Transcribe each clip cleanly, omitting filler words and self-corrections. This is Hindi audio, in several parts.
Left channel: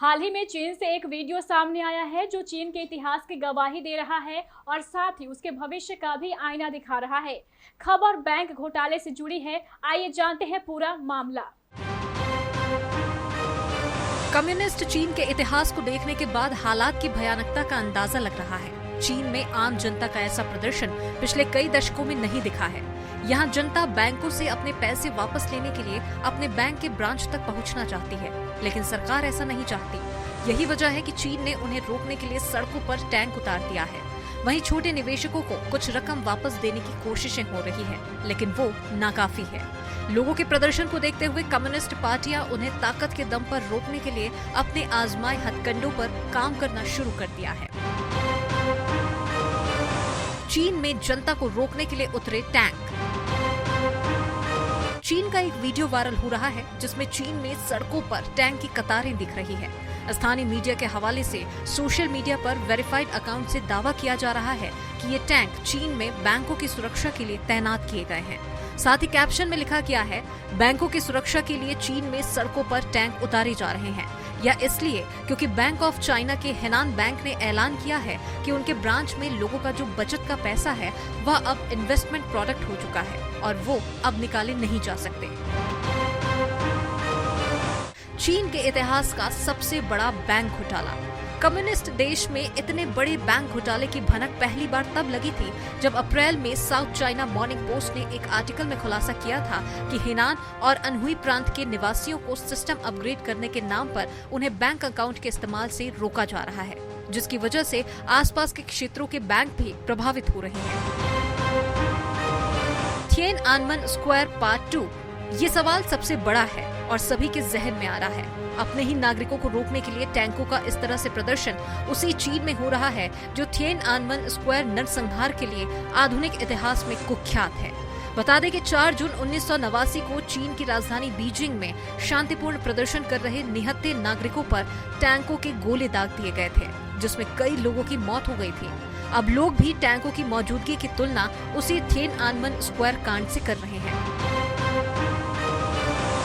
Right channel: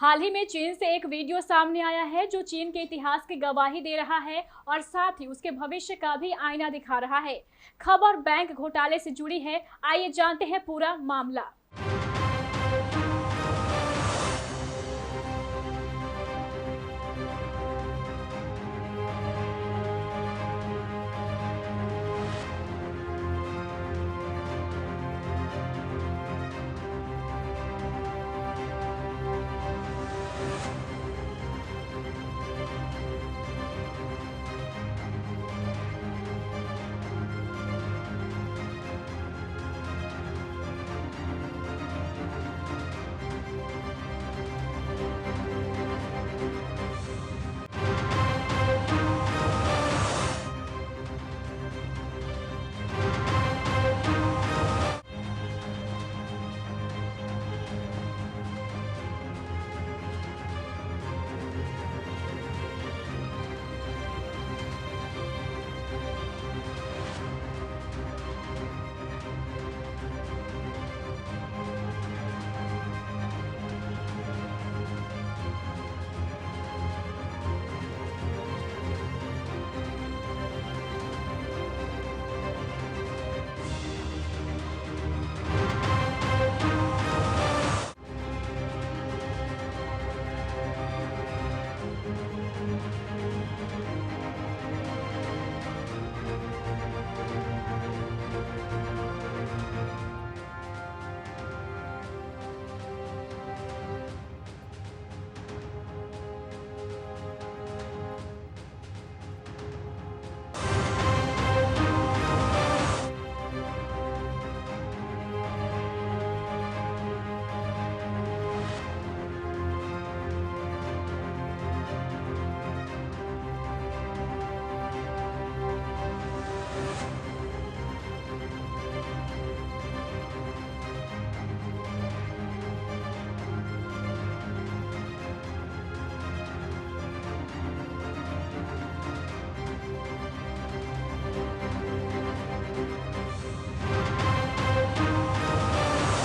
हाल ही में चीन से एक वीडियो सामने आया है जो चीन के इतिहास की गवाही दे रहा है और साथ ही उसके भविष्य का भी आईना दिखा रहा है। खबर बैंक घोटाले से जुड़ी है, आइए जानते हैं पूरा मामला। कम्युनिस्ट चीन के इतिहास को देखने के बाद हालात की भयानकता का अंदाजा लग रहा है। चीन में आम जनता का ऐसा प्रदर्शन पिछले कई दशकों में नहीं दिखा है। यहाँ जनता बैंकों से अपने पैसे वापस लेने के लिए अपने बैंक के ब्रांच तक पहुँचना चाहती है, लेकिन सरकार ऐसा नहीं चाहती। यही वजह है कि चीन ने उन्हें रोकने के लिए सड़कों पर टैंक उतार दिया है। वहीं छोटे निवेशकों को कुछ रकम वापस देने की कोशिशें हो रही है, लेकिन वो नाकाफी है। लोगों के प्रदर्शन को देखते हुए कम्युनिस्ट पार्टियां उन्हें ताकत के दम पर रोकने के लिए अपने आजमाए हथकंडों पर काम करना शुरू कर दिया है। चीन में जनता को रोकने के लिए उतरे टैंक। चीन का एक वीडियो वायरल हो रहा है जिसमें चीन में सड़कों पर टैंक की कतारें दिख रही है। स्थानीय मीडिया के हवाले से सोशल मीडिया पर वेरीफाइड अकाउंट से दावा किया जा रहा है कि ये टैंक चीन में बैंकों की सुरक्षा के लिए तैनात किए गए हैं। साथ ही कैप्शन में लिखा गया है, बैंकों की सुरक्षा के लिए चीन में सड़कों पर टैंक उतारे जा रहे हैं, या इसलिए क्योंकि बैंक ऑफ चाइना के हेनान बैंक ने ऐलान किया है कि उनके ब्रांच में लोगों का जो बचत का पैसा है वह अब इन्वेस्टमेंट प्रोडक्ट हो चुका है और वो अब निकाले नहीं जा सकते। चीन के इतिहास का सबसे बड़ा बैंक घोटाला। कम्युनिस्ट देश में इतने बड़े बैंक घोटाले की भनक पहली बार तब लगी थी जब अप्रैल में साउथ चाइना मॉर्निंग पोस्ट ने एक आर्टिकल में खुलासा किया था कि हेनान और अनहुई प्रांत के निवासियों को सिस्टम अपग्रेड करने के नाम पर उन्हें बैंक अकाउंट के इस्तेमाल से रोका जा रहा है, जिसकी वजह से आसपास के क्षेत्रों के बैंक भी प्रभावित हो रहे हैं। थिएनआनमन स्क्वायर पार्ट 2। ये सवाल सबसे बड़ा है और सभी के जहन में आ रहा है। अपने ही नागरिकों को रोकने के लिए टैंकों का इस तरह से प्रदर्शन उसी चीन में हो रहा है जो थिएनआनमन स्क्वायर नरसंहार के लिए आधुनिक इतिहास में कुख्यात है। बता दें कि 4 जून 1989 को चीन की राजधानी बीजिंग में शांतिपूर्ण प्रदर्शन कर रहे निहत्थे नागरिकों पर टैंकों के गोले दाग दिए गए थे, जिसमें कई लोगों की मौत हो गई थी। अब लोग भी टैंकों की मौजूदगी की तुलना उसी थिएनआनमन स्क्वायर कांड से कर रहे हैं।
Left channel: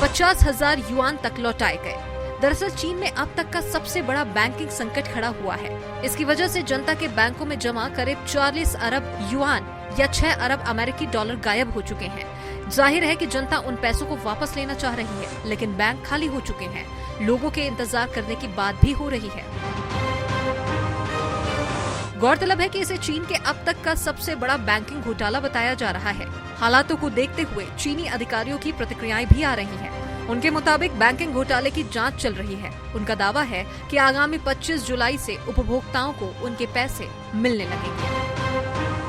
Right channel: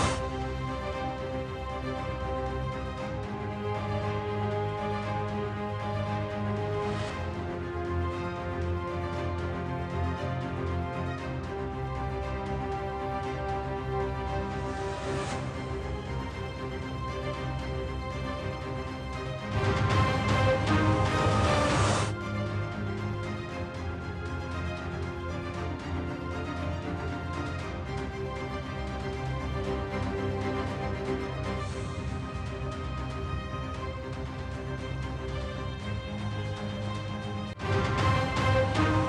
50,000 युआन तक लौटाए गए। दरअसल चीन में अब तक का सबसे बड़ा बैंकिंग संकट खड़ा हुआ है। इसकी वजह से जनता के बैंकों में जमा करीब 40 अरब युआन या 6 अरब अमेरिकी डॉलर गायब हो चुके हैं। जाहिर है कि जनता उन पैसों को वापस लेना चाह रही है, लेकिन बैंक खाली हो चुके हैं। लोगों के इंतजार करने की बात भी हो रही है। गौरतलब है कि इसे चीन के अब तक का सबसे बड़ा बैंकिंग घोटाला बताया जा रहा है। हालातों को देखते हुए चीनी अधिकारियों की प्रतिक्रियाएं भी आ रही हैं। उनके मुताबिक बैंकिंग घोटाले की जांच चल रही है। उनका दावा है कि आगामी 25 जुलाई से उपभोक्ताओं को उनके पैसे मिलने लगेंगे।